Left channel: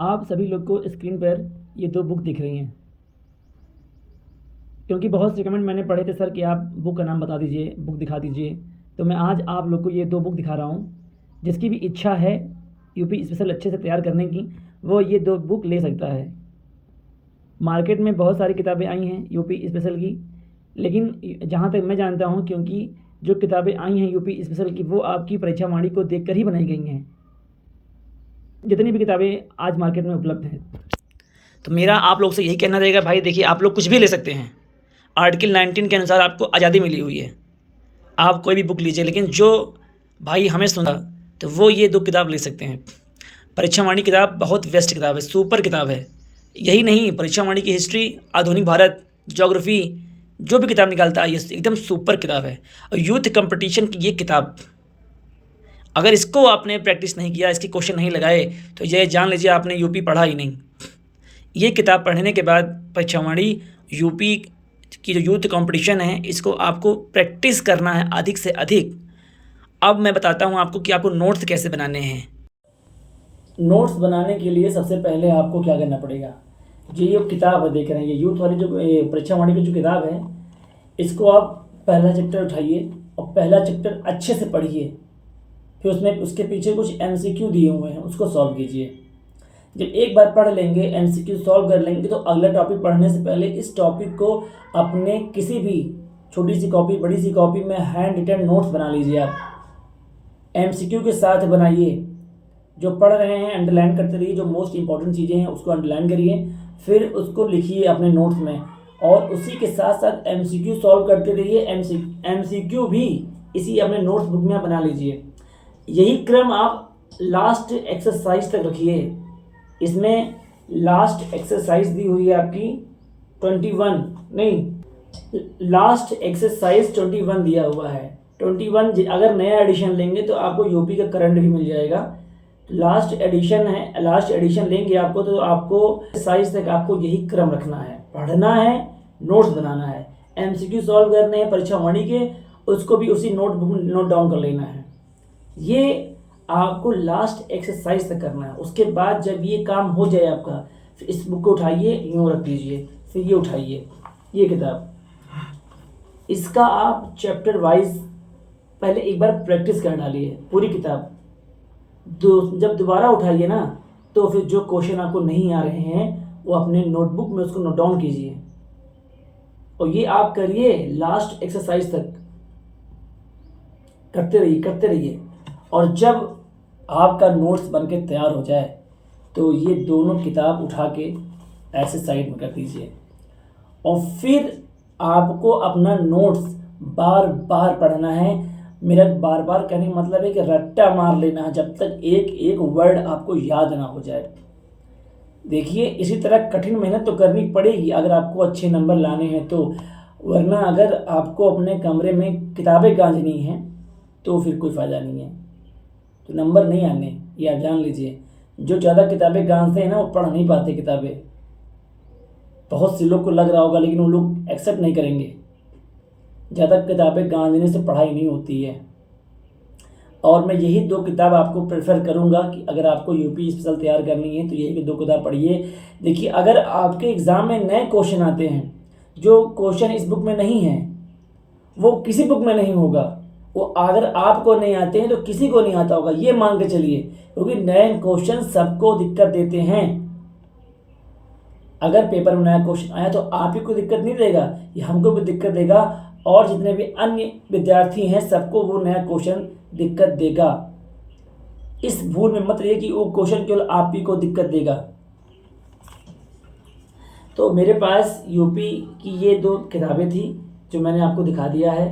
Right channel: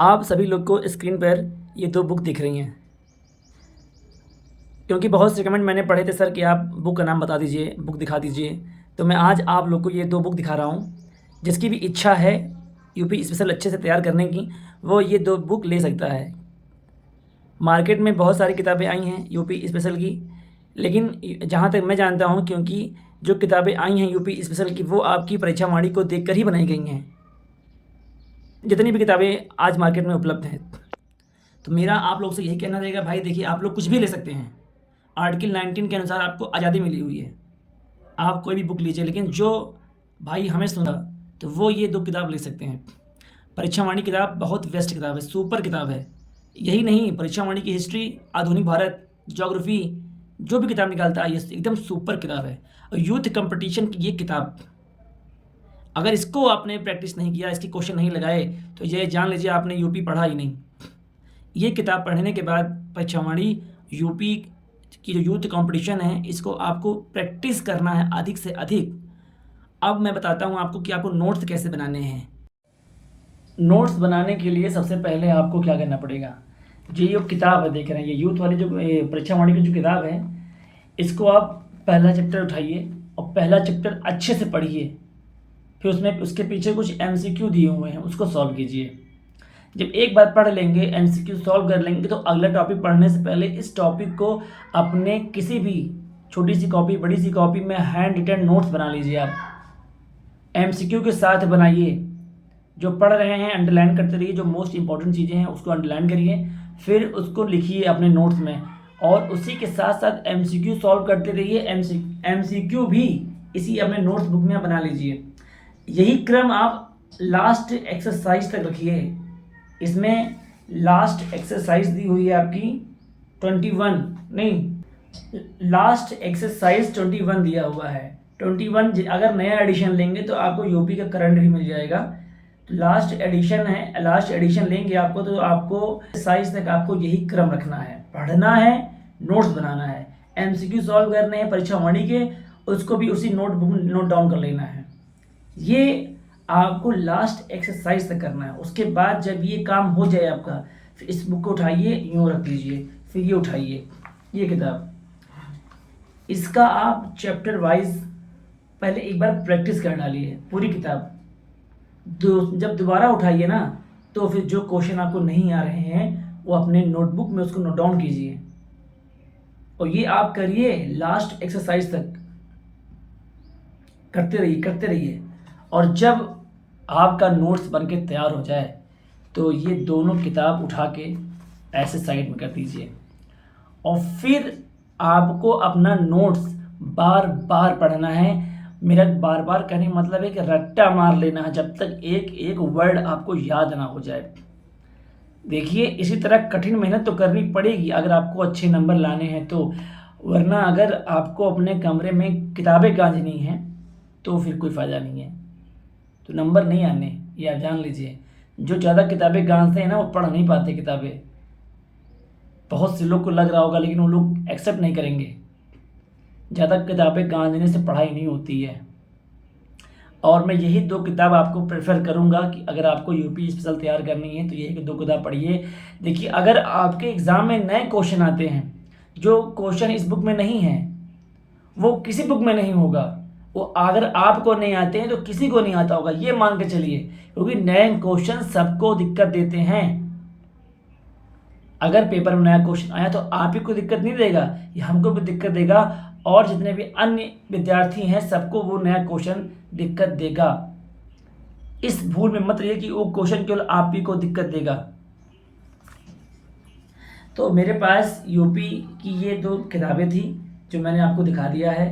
आप सभी लोग को स्क्रीन पर ये 2 बुक दिख रही हैं। क्योंकि बहुत से कमेंट मैंने पढ़े थे सर कि आप बुक का नाम बता दीजिए, बुक दिखा दीजिए। तो मैं आज आप लोग को ये 2 बुक दिखा रहा हूँ। जिसकी भी इच्छा है यूपी स्पेशल अच्छे से तैयार करने की, वो ये 2 बुक ले सकता है। मार्केट में बहुत सारी किताबें आई हैं यूपी स्पेशल की, लेकिन जहाँ तक मैं जानता हूँ, क्योंकि जो किताबें आई हैं यूपी स्पेशल की वो आपकी परीक्षा वाणी को देखकर ही बनाई गई हैं। जितनी भी किताबें आज मार्केट में उपलब्ध हैं, तो मेरा आप लोग से यही कहना रहेगा, भाई देखिए आप लोग कुछ भी ले सकते हैं। आर्टिकल 19 के अनुसार आपको आज़ादी मिली हुई है, आप कोई भी बुक लीजिए। लेकिन जो भाई हमें सुना तो वो ये 2 किताब ले सकते हैं। परीक्षा वाणी किताब बहुत बेस्ट किताब है, सुपर किताब है। यही नहीं, परीक्षा वाणी की हिस्ट्री, आधुनिक भारत, ज्योग्राफी, जो भी किताब निकालता है ये एकदम सुपर किताब है। और यूथ कंपटीशन की ये किताब, अगर इसको आपने प्रैक्टिस नहीं किया, इसके क्वेश्चन नहीं लगाए, तो ये जान लीजिए आपने यूपी पढ़ा ही नहीं। ये किताब पढ़ने के बाद परीक्षा वाणी यूपी की जो यूथ कंपटीशन है, इसको आपको प्रैक्टिस करना है अधिक से अधिक। अब मैं बताता हूँ आपको कि आपको नोट्स कैसे बनाने हैं। नोट्स बनाने के लिए सबसे पहले आपको क्या करना पड़ेगा, ये किताब देख रहे हैं, ये यूथ वाली जो परीक्षा वाणी की जो किताब है, इसको आप पहला चैप्टर उठाइए और पहला चैप्टर अच्छे से पढ़िए। फिर उसमें उसके पीछे कुछ एमसीक्यू दिए हुए हैं, उसको सॉल्व कीजिए। जब एक बार पढ़ लेंगे, एमसीक्यू सॉल्व कर लेंगे, तो अगला टॉपिक पढ़ने से पहले इस टॉपिक को अपने किसी भी छोटी सी कॉपी, बड़ी सी कॉपी में हैंड रिटन नोट्स बना लीजिए। आप एमसीक्यू के साथ बनाइए। जो पढ़ रहे हैं अंडरलाइन करते रहिए, जो मोस्ट इंपॉर्टेंट चीज़ें हैं उसको अंडरलाइन करिए, फिर उसको लिखिए अपने नोट्स में, और उसी के साथ साथ एमसीक्यू सॉल्व करते रहिए। एमसीक्यू भी इसी अपने नोट्स बुक में बना लीजिए। यही क्रम आप लास्ट एक्सरसाइज तक रखिए। इसमें लास्ट एक्सरसाइज दी हुई है आपकी 21, नहीं, लास्ट एक्सरसाइज 21 दिया हुआ है। 21 अगर नया एडिशन लेंगे तो आपको यूपी का करंट भी मिल जाएगा। लास्ट एडिशन है, लास्ट एडिशन लेंगे आपको तो आपको एक्सरसाइज तक आपको यही क्रम रखना है। पढ़ना है, नोट्स बनाना है, एमसीक्यू सॉल्व करने हैं परीक्षा वाणी के, उसको भी उसी नोट डाउन कर लेना है। ये आपको लास्ट एक्सरसाइज तक करना है। उसके बाद जब ये काम हो जाए आपका, फिर इस बुक को उठाइए, यूँ रख दीजिए, फिर ये उठाइए, ये किताब, इसका आप चैप्टर वाइज पहले एक बार प्रैक्टिस कर डालिए पूरी किताब। जब दोबारा उठाइए ना, तो फिर जो क्वेश्चन आपको नहीं आ रहे हैं वो अपने नोटबुक में उसको नोट डाउन कीजिए, और ये आप करिए लास्ट एक्सरसाइज तक, करते रहिए करते रहिए। और जब आपका नोट्स बन के तैयार हो जाए, तो ये दोनों किताब उठा के ऐसे साइड में कर दीजिए, और फिर आपको अपना नोट्स बार बार पढ़ना है। मेरा बार बार कहने का मतलब है कि रट्टा मार लेना है, जब तक एक एक वर्ड आपको याद ना हो जाए। देखिए, इसी तरह कठिन मेहनत तो करनी पड़ेगी अगर आपको अच्छे नंबर लाने हैं तो, वरना अगर आपको अपने कमरे में किताबें गांजनी हैं तो फिर कोई फ़ायदा नहीं है, तो नंबर नहीं आने, ये आप जान लीजिए। जो ज़्यादा किताबें गांजते हैं ना, वो पढ़ नहीं पाते किताबें। बहुत से लोग को लग रहा होगा, लेकिन वो लोग एक्सेप्ट नहीं करेंगे। ज़्यादा किताबें गांजने से पढ़ाई नहीं होती है। और मैं यही 2 किताब आपको प्रेफर करूंगा कि अगर आपको यूपी स्पेशल तैयार करनी है तो यही 2 किताब पढ़िए। देखिए, अगर आपके एग्ज़ाम में नए क्वेश्चन आते हैं, जो क्वेश्चन इस बुक में नहीं है वो किसी बुक में नहीं होगा, वो अगर आपको नहीं आते हैं तो किसी को नहीं आता होगा, ये मान के चलिए, क्योंकि नए क्वेश्चन सबको दिक्कत देते हैं। अगर पेपर में नया क्वेश्चन आया तो आप ही को दिक्कत नहीं देगा, ये हमको भी दिक्कत देगा, और जितने भी अन्य विद्यार्थी हैं सबको वो नया क्वेश्चन दिक्कत देगा। इस भूल में मत रहिए कि वो क्वेश्चन केवल आप ही को दिक्कत देगा। तो मेरे पास यूपी की ये 2 किताबें थी जो मैंने आपको दिखा दिया है।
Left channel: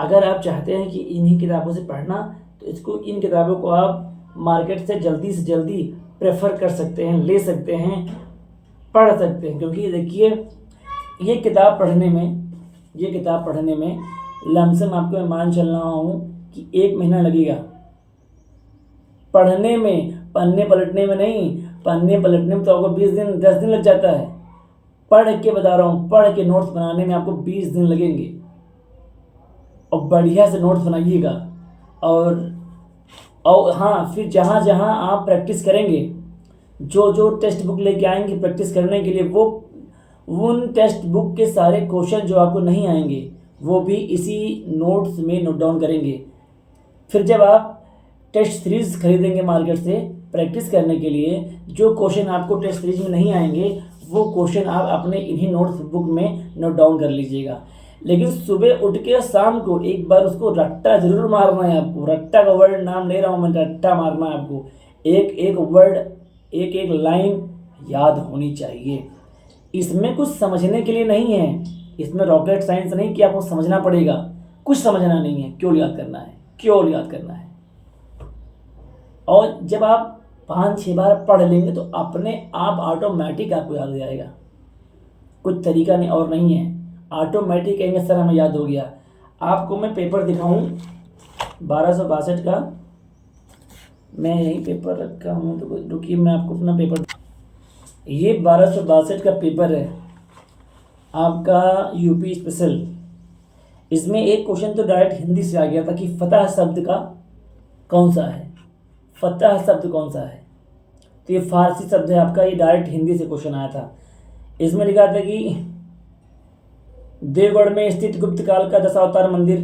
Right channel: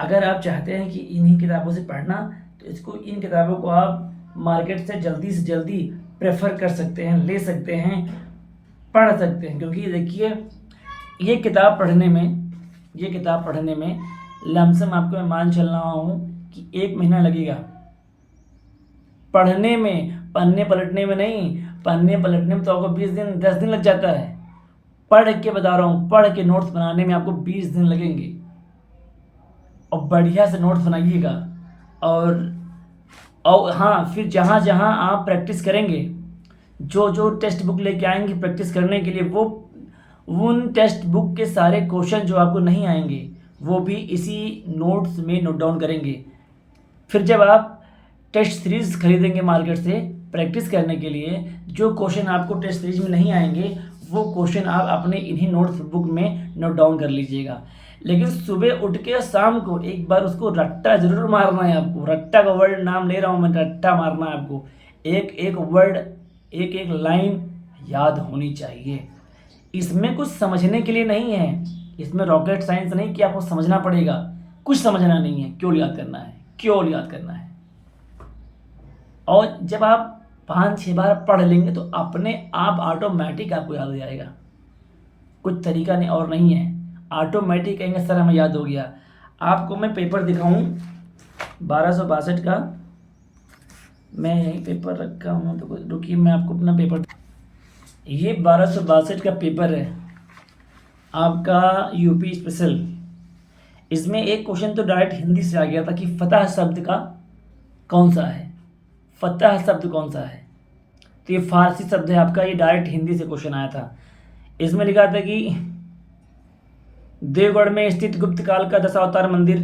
अगर आप चाहते हैं कि इन्हीं किताबों से पढ़ना, तो इन किताबों को आप मार्केट से जल्दी प्रेफर कर सकते हैं, ले सकते हैं, पढ़ सकते हैं। क्योंकि देखिए, ये किताब पढ़ने में लमसम आपको मैं मान चल रहा हूँ कि 1 महीना लगेगा पढ़ने में, पन्ने पलटने में नहीं। पन्ने पलटने में तो आपको 20 दिन 10 दिन लग जाता है। पढ़ के बता रहा हूँ, पढ़ के नोट्स बनाने में आपको 20 दिन लगेंगे, और बढ़िया से नोट्स बनाइएगा। और हाँ, फिर जहाँ जहाँ आप प्रैक्टिस करेंगे, जो जो टेक्स्ट बुक लेके आएंगे प्रैक्टिस करने के लिए, वो उन टेक्स्ट बुक के सारे क्वेश्चन जो आपको नहीं आएंगे वो भी इसी नोट्स में नोट डाउन करेंगे। फिर जब आप टेस्ट सीरीज खरीदेंगे मार्केट से प्रैक्टिस करने के लिए, जो क्वेश्चन आपको टेस्ट सीरीज में नहीं आएंगे वो क्वेश्चन आप अपने इन्हीं नोट्स बुक में नोट डाउन कर लीजिएगा। लेकिन सुबह उठ के शाम को एक बार उसको रट्टा जरूर मारना है आपको। रट्टा का वर्ड नाम ले रहा हूँ मैं, रट्टा मारना है आपको। एक एक वर्ड, एक एक लाइन याद होनी चाहिए। इसमें कुछ समझने के लिए नहीं है, इसमें रॉकेट साइंस नहीं कि आपको समझना पड़ेगा, कुछ समझना नहीं है, केवल याद करना है, केवल याद करना है। और जब आप 5-6 बार पढ़ लेंगे तो अपने आप ऑटोमेटिक आपको याद हो जाएगा। कुछ तरीका नहीं और नहीं है, ऑटोमेटिक कहेंगे सर हमें याद हो गया। आपको मैं पेपर दिखाऊं 1262 का, मैं यही पेपर रखा हूँ तो रुकिए मैं आपको अपना पेपर, ये 1262 का पेपर है आपका यूपी स्पेशल। इसमें एक क्वेश्चन तो डायरेक्ट हिंदी से आ गया था कि फतह शब्द का कौन सा है, फतह शब्द कौन सा है। तो ये फारसी शब्द है आपका, ये डायरेक्ट हिंदी से क्वेश्चन आया था। इसमें लिखा था कि देवगढ़ में स्थित गुप्त काल का दशावतार मंदिर,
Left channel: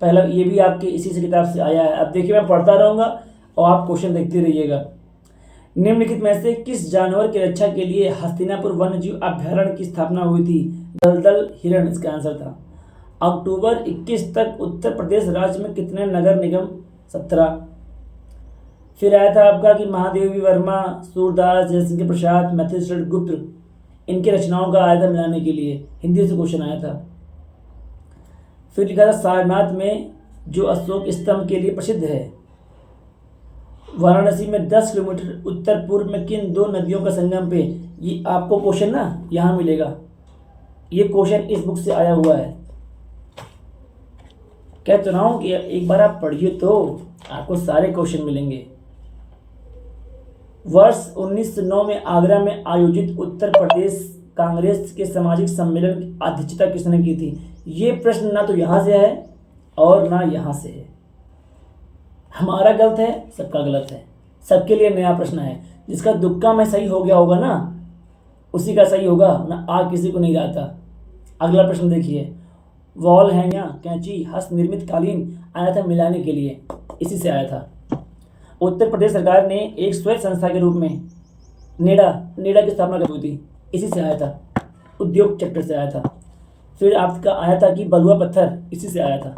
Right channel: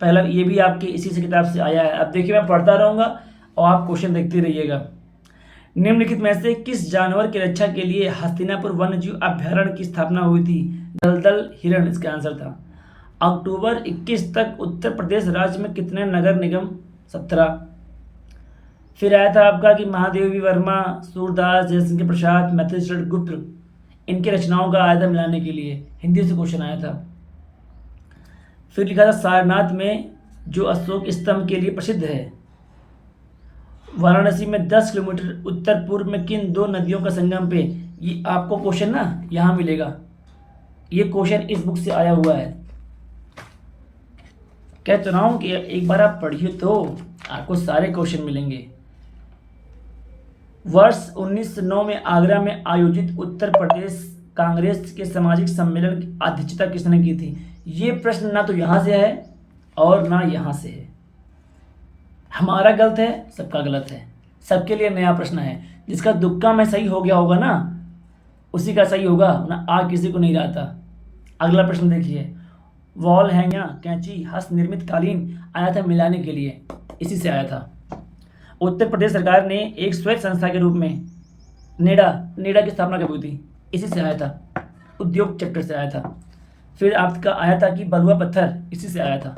पहला, ये भी आपके इसी से किताब से आया है। अब देखिए मैं पढ़ता रहूँगा और आप क्वेश्चन देखते रहिएगा। निम्नलिखित में से किस जानवर की रक्षा के लिए हस्तिनापुर वन्य जीव अभ्यारण्य की स्थापना हुई थी। दलदल हिरण इसका आंसर था। अक्टूबर 21 तक उत्तर प्रदेश राज्य में कितने नगर निगम, 17। फिर आया था आपका कि महादेवी वर्मा, सूरदास, जयशंकर प्रसाद, मैथिलीशरण गुप्त, इनकी रचनाओं का आया था मिलाने के लिए, हिंदी से क्वेश्चन आया था। फिर लिखा था सारनाथ में जो अशोक स्तंभ के लिए प्रसिद्ध है, वाराणसी में 10 किलोमीटर उत्तर पूर्व में किन दो नदियों का संगम पे। ये आपको क्वेश्चन ना यहाँ मिलेगा, ये क्वेश्चन इस बुक से आया हुआ है। कहते रहा हूँ कि एक बार आप पढ़िए तो आपको सारे क्वेश्चन मिलेंगे। वर्ष 1909 में आगरा में आयोजित उत्तर प्रदेश कांग्रेस के सामाजिक सम्मेलन की अध्यक्षता किसने की थी। ये प्रश्न ना तो यहाँ से है और ना यहाँ से है। हमारा गलत है, सबका गलत है, सबके लिए नया प्रश्न है। जिसका तुक्का में सही हो गया होगा ना उसी का सही होगा, ना आ किसी को नहीं रहता। अगला प्रश्न देखिए, वॉल हैंगिंग कैंची हस्त निर्मित कालीन आया था मिलाने के लिए, इसी से आया था। उत्तर प्रदेश सरकार ने एक स्वैच्छिक संस्था के रूप में नेडा की स्थापना कब हुई थी, इसी से आया था, उद्योग चक्कर से आया था। फिर आपका आया था कि बलुआ पत्थर, इसी से आया था।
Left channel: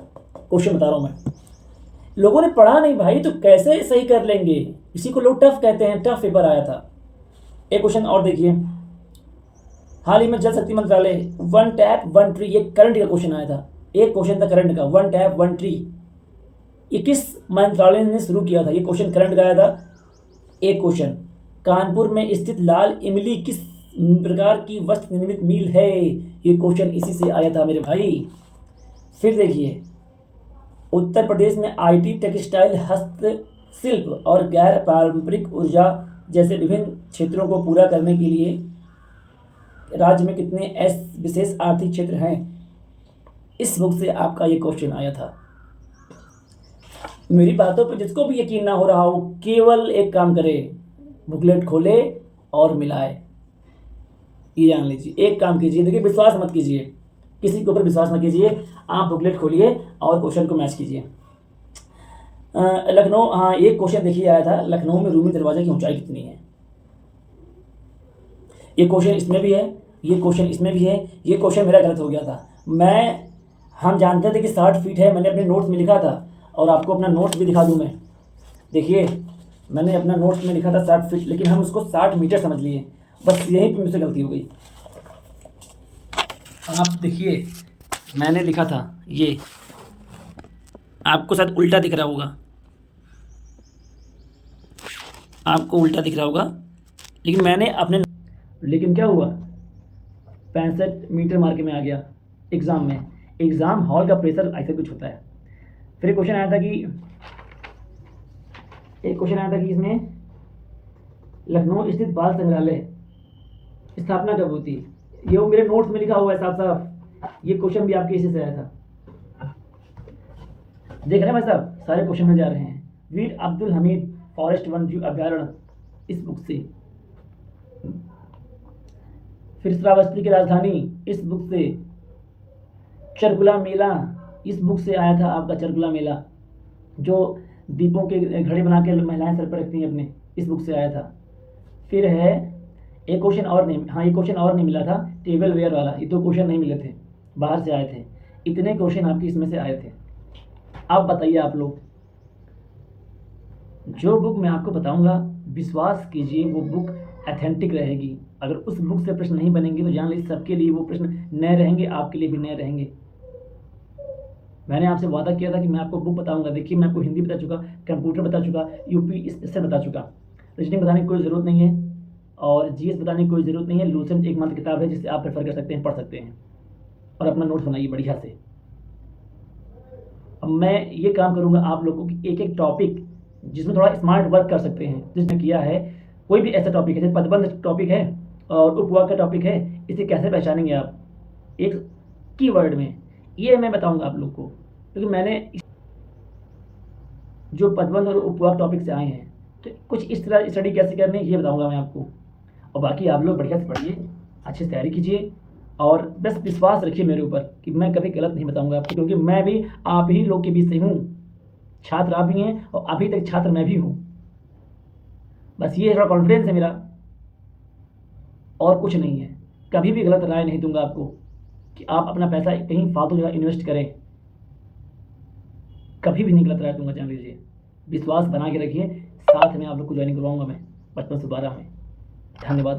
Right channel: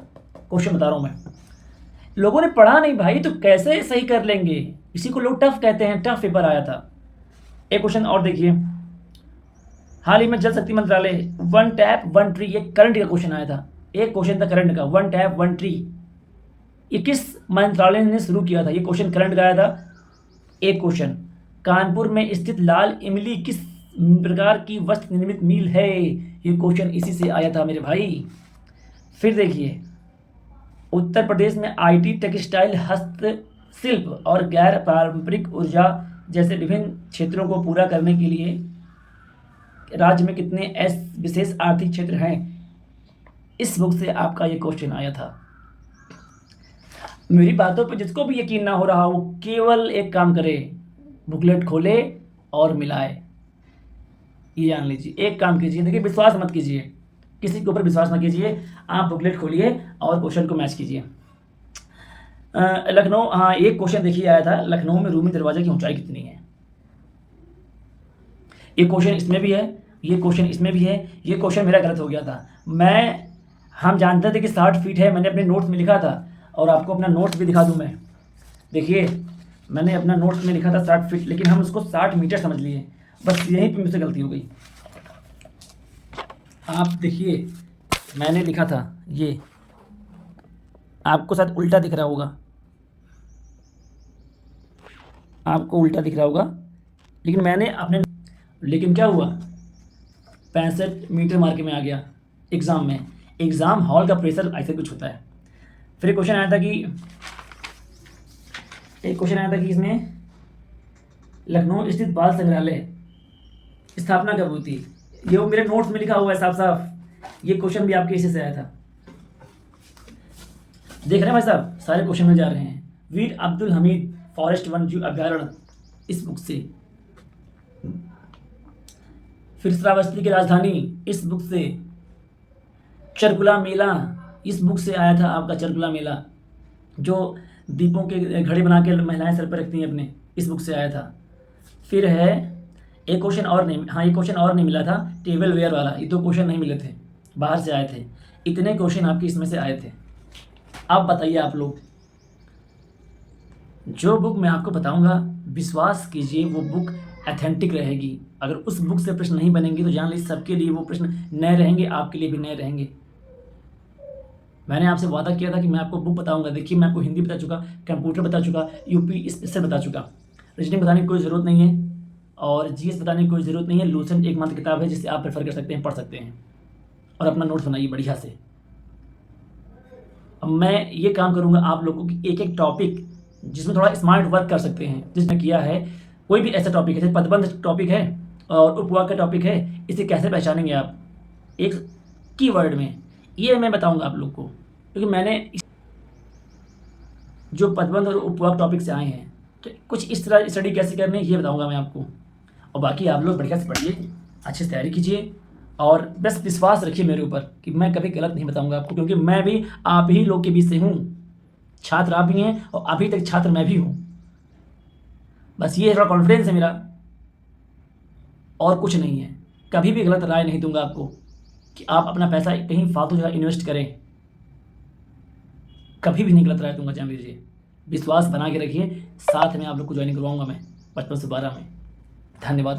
क्वेश्चन बता रहा हूँ मैं, लोगों ने पढ़ा नहीं भाई तो कैसे सही कर लेंगे, इसी को लोग टफ कहते हैं, टफ पेपर आया था। एक क्वेश्चन और देखिए, हाल ही में जल शक्ति मंत्रालय 1 टैप 1 ट्री, ये करंट का क्वेश्चन आया था। एक क्वेश्चन था करंट का, 1 टैप 1 ट्री, ये किस मंत्रालय ने शुरू किया था, ये क्वेश्चन करंट का आया था। एक क्वेश्चन, कानपुर में स्थित लाल इमली किस प्रकार की वस्त्र निर्मित मिल है, ये क्वेश्चन इसी से आया था मेरे भाई। फिर देखिए, उत्तर प्रदेश में आईटी, टेक्सटाइल, हस्तशिल्प और गैर पारंपरिक ऊर्जा जैसे विभिन्न क्षेत्रों को पूरा करने के लिए राज्य में कितने विशेष आर्थिक क्षेत्र हैं। इस बुक से आपका ये क्वेश्चन आया था। मेरी बातों पे जिसको भी यकीन ना हो रहा हो केवल एक काम करे, बुकलेट खोले और मिलाए। ये जान लीजिए, एक काम कीजिए, देखिए विश्वास मत कीजिए, किसी के ऊपर विश्वास ना कीजिए, आप बुकलेट खोलिए और क्वेश्चन को मैच कीजिए। लखनऊ, हाँ एक क्वेश्चन देखिए आया था, लखनऊ में रूमी दरवाजे की ऊंचाई कितनी है। ये क्वेश्चन इसमें भी है, ये क्वेश्चन इसमें भी है। ये क्वेश्चन मेरा गलत हो गया था, हम जानते थे कि 60 फीट है, मैंने अपने नोट्स में लिखा था और आपको अपना नोट्स भी दिखा दूं मैं। देखिए मैंने अपना नोट्स में लिखा था 60 फीट, लेकिन हम उसको 60 मीटर समझ लिए, बस यहीं पे मुझसे गलती हो गई। आप देखिए मैंने लिखा था, ये आपको शायद उल्टा दिख रहा होगा, आपको उल्टा दिख रहा होगा, लेकिन मैंने अपने, लेकिन क्या हुआ 65 मीटर मार के मैं आ गया एग्ज़ाम में। एग्ज़ाम हॉल का प्रेशर ऐसे कुछ होता है। फिर एक क्वेश्चन आया था कि इसमें लखनऊ स्थित बाल संग्रहालय स्थापना कब हुई थी। ये वो मेरे नोट्स में लिखा हुआ है साफ साफ। ये क्वेश्चन भी आपके इसी से आया था। देख रहे हैं भाई साहब, सारे क्वेश्चन में जा रहे हैं। वीर अब्दुल हमीद फॉरेस्ट वन्यजीव अभ्यारण्य, इस बुक से फिर श्रावस्ती की राजधानी, इस बुक से। चरकुला मेला, इस बुक से आया था आपका चरकुला मेला, जो दीपों के घड़े बना के महिलाएं सर पर रखती हैं अपने, इस बुक से आया था। फिर है एक क्वेश्चन और नहीं, हाँ, ये क्वेश्चन और नहीं मिला था, टेबल वेयर वाला, ये 2 क्वेश्चन नहीं मिले थे, बाहर से आए थे। इतने क्वेश्चन आपके इसमें से आए थे। अब बताइए आप लोग, जो बुक मैं आपको बताऊंगा, विश्वास कीजिए वो बुक ऑथेंटिक रहेगी। अगर उस बुक से प्रश्न नहीं बनेंगे तो जान लीजिए सबके लिए वो प्रश्न नए रहेंगे, आपके लिए भी नए रहेंगे। मैंने आपसे वादा किया था कि मैं आपको बुक बताऊंगा। देखिए, मैं आपको हिंदी बता चुका, कंप्यूटर बता चुका, यूपी स्पेशल बता चुका, रीजनिंग बताने की कोई ज़रूरत नहीं है और जीएस बताने की कोई ज़रूरत नहीं है। लूसेंट एकमात्र किताब है जिसे आप प्रेफर कर सकते हैं, पढ़ सकते हैं और अपना नोट्स बनाइए बढ़िया से। अब मैं ये काम करूंगा आप लोगों की एक एक टॉपिक जिसमें थोड़ा स्मार्ट वर्क कर सकते हैं, जिसमें किया है। कोई भी ऐसा टॉपिक है, जैसे पदबंध टॉपिक है और उपवाक का टॉपिक है, इसे कैसे पहचानेंगे आप एक कीवर्ड में, ये मैं बताऊंगा आप लोग को, क्योंकि मैंने जो पदबंध और उपवाक टॉपिक से आए हैं, तो कुछ इस तरह स्टडी कैसे करनी है ये बताऊंगा मैं आपको। और बाकी आप लोग बढ़िया से पढ़िए, अच्छे से तैयारी कीजिए और बस विश्वास रखिए मेरे ऊपर कि मैं कभी गलत नहीं बताऊंगा आपको, क्योंकि मैं भी आप ही लोग के बीच से हूँ। छात्र आप भी हैं और अभी तक छात्र मैं भी हूँ। बस ये थोड़ा कॉन्फिडेंस है मेरा, और कुछ नहीं है। कभी भी गलत राय नहीं दूंगा आपको कि आप अपना पैसा कहीं फालतू जगह इन्वेस्ट करें, कभी भी नहीं गलत राय दूंगा, जान लीजिए। विश्वास बना के रखिए, साथ में आप लोग को ज्वाइन करवाऊंगा मैं 55 से 12 में। धन्यवाद।